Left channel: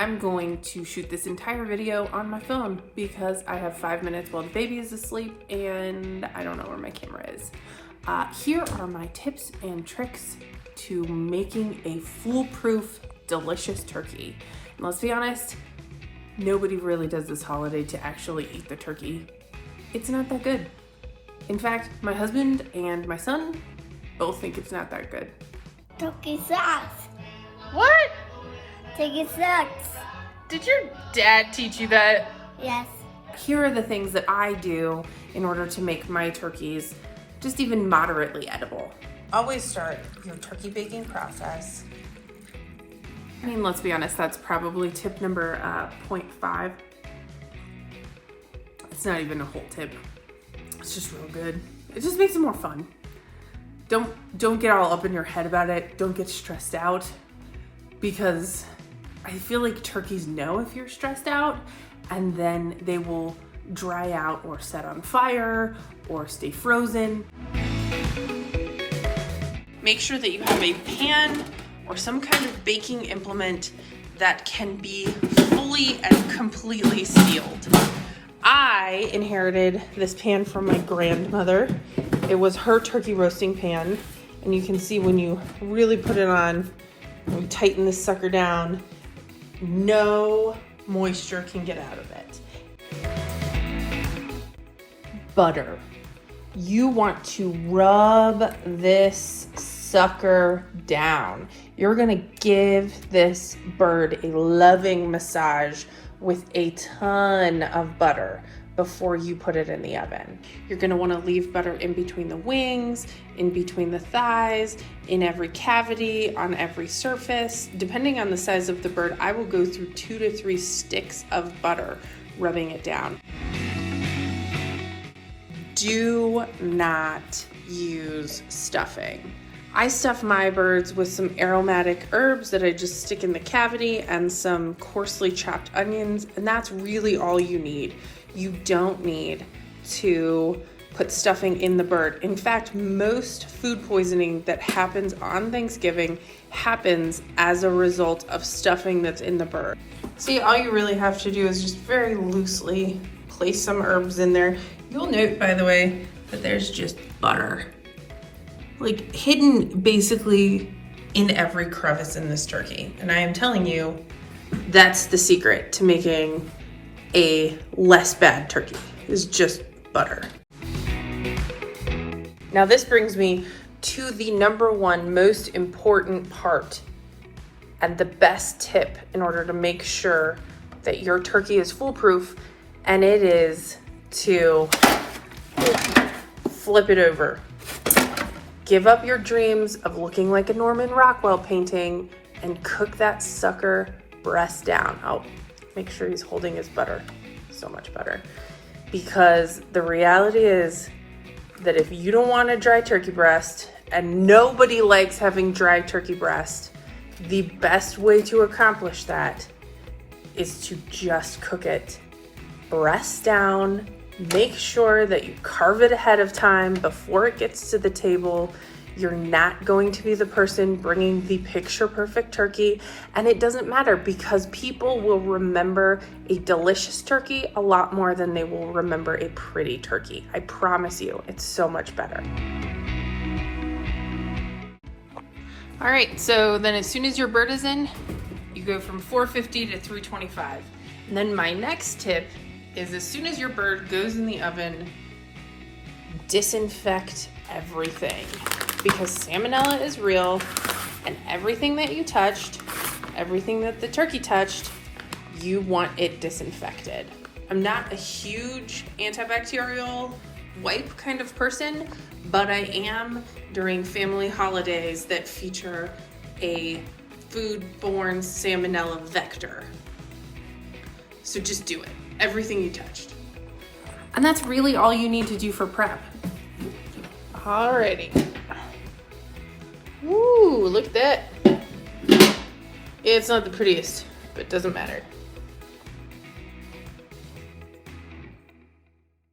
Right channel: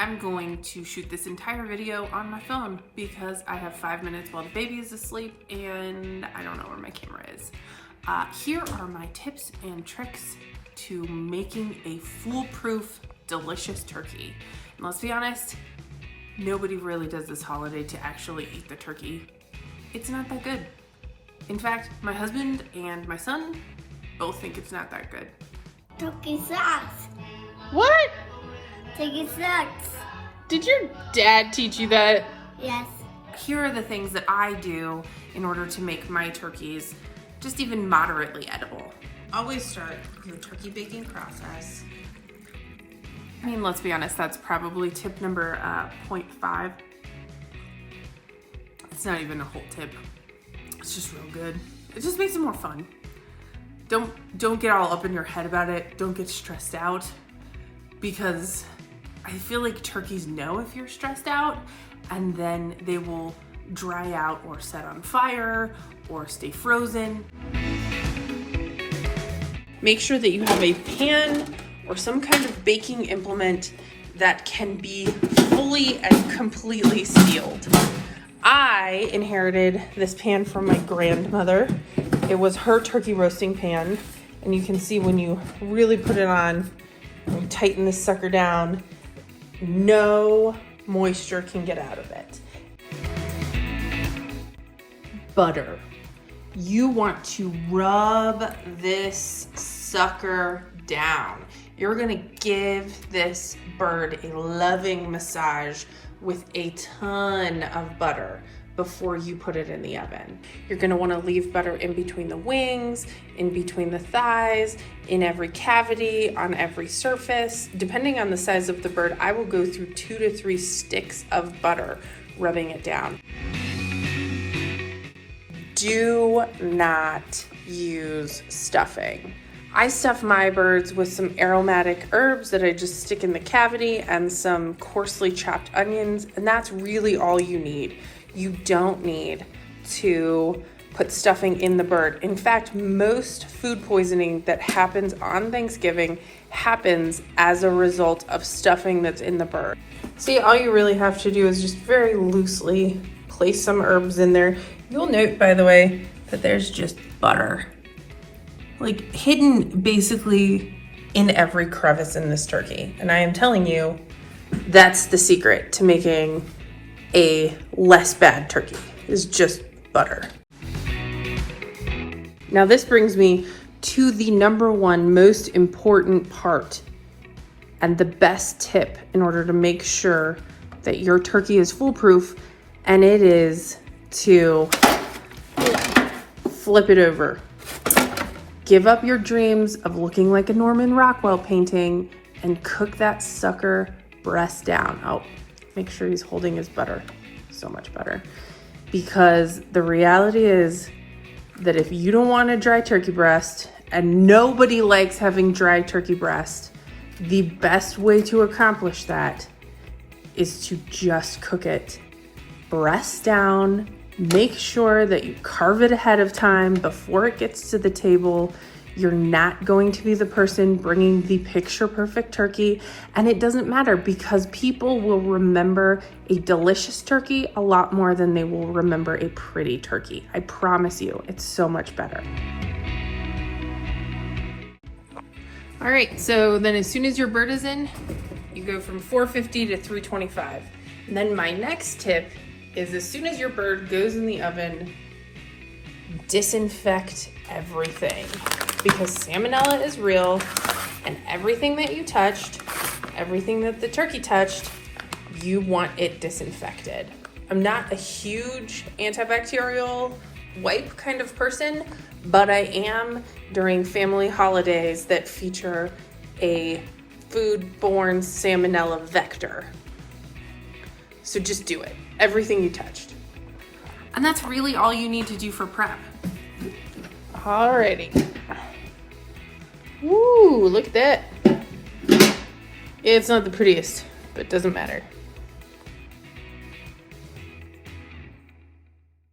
I'm going to shoot this entire video on my phone because I have 5 minutes while the baby is asleep and I don't know where my camera is. Here are my tips and tricks to making a foolproof, delicious turkey. And let's be honest, nobody really does this holiday to actually eat the turkey. It's not that good. In fact, my husband and my son both think it's not that good. Turkey sucks. What? Turkey sucks. Did your dad teach you that? Yes. Here are the things that I do in order to make my turkeys just even moderately edible. Always start your turkey baking process. And let's be honest, that's probably tip number 0.5. It's not even a whole tip. It's just real good. It just makes it more fun. Don't get all up in your head about it. Don't get stressed out, because I feel like turkeys know if you're stressed out, and then they will dry out or set on fire or stay frozen. Make sure that you have a pan or some kind of baking implement that can be fully and completely sealed. I inherited this pan from my grandmother. It was her turkey roasting pan, and you can see when you really put it on and tighten this sucker down, no moisture can get out of it. Butter. You want to rub this sucker down. You're gonna give this bird a loving massage with a ton of butter before you put it in the oven. You're gonna wanna leave butter in between the wings, in between the thighs, in every cavity, on every surface. Depending on the size of the bird, I will go through 2 to 3 sticks of butter, rubbing it down. Do not use stuffing. I stuff my birds with some aromatic herbs that I just stick in the cavity and some coarsely chopped onions, and that's really all you need. You don't need to put stuffing in the bird. In fact, most food poisoning that happens on Thanksgiving happens as a result of stuffing that's in the bird. See, all you really have to do is just very loosely place some herbs in there. You'll note, by the way, that there's just butter, like hidden basically in every crevice in this turkey. And I am telling you, that's the secret to making a less bad turkey, is just butter. Now this brings me to the number one most important part and the best tip in order to make sure that your turkey is foolproof, and it is to flip it over. Give up your dreams of looking like a Norman Rockwell painting and cook that sucker breast down. Oh, make sure he's holding his butter. So much butter. Because the reality is that if you don't want a dry turkey breast, and nobody likes having dry turkey breast, the best way to accomplish that is to just cook it breast down. Make sure that you carve it ahead of time before it gets to the table. You're not going to be the person bringing the picture perfect turkey, and it doesn't matter because people will remember a delicious turkey a lot more than they will remember a pretty turkey. I promise you, it's so much better. All right, so then as soon as your bird is in, you go from 450 to 325. And then my next tip is, as soon as your bird goes in the oven, disinfect everything, because salmonella is real, and everything that you touched, everything that the turkey touched, you want it disinfected. I'm not a huge antibacterial wipe kind of person, but I am during family holidays that feature a foodborne salmonella vector. So just do it. Everything you touched. And that's really all you need to do for prep. Alrighty. Woo, look at that. It's not the prettiest, but it doesn't matter.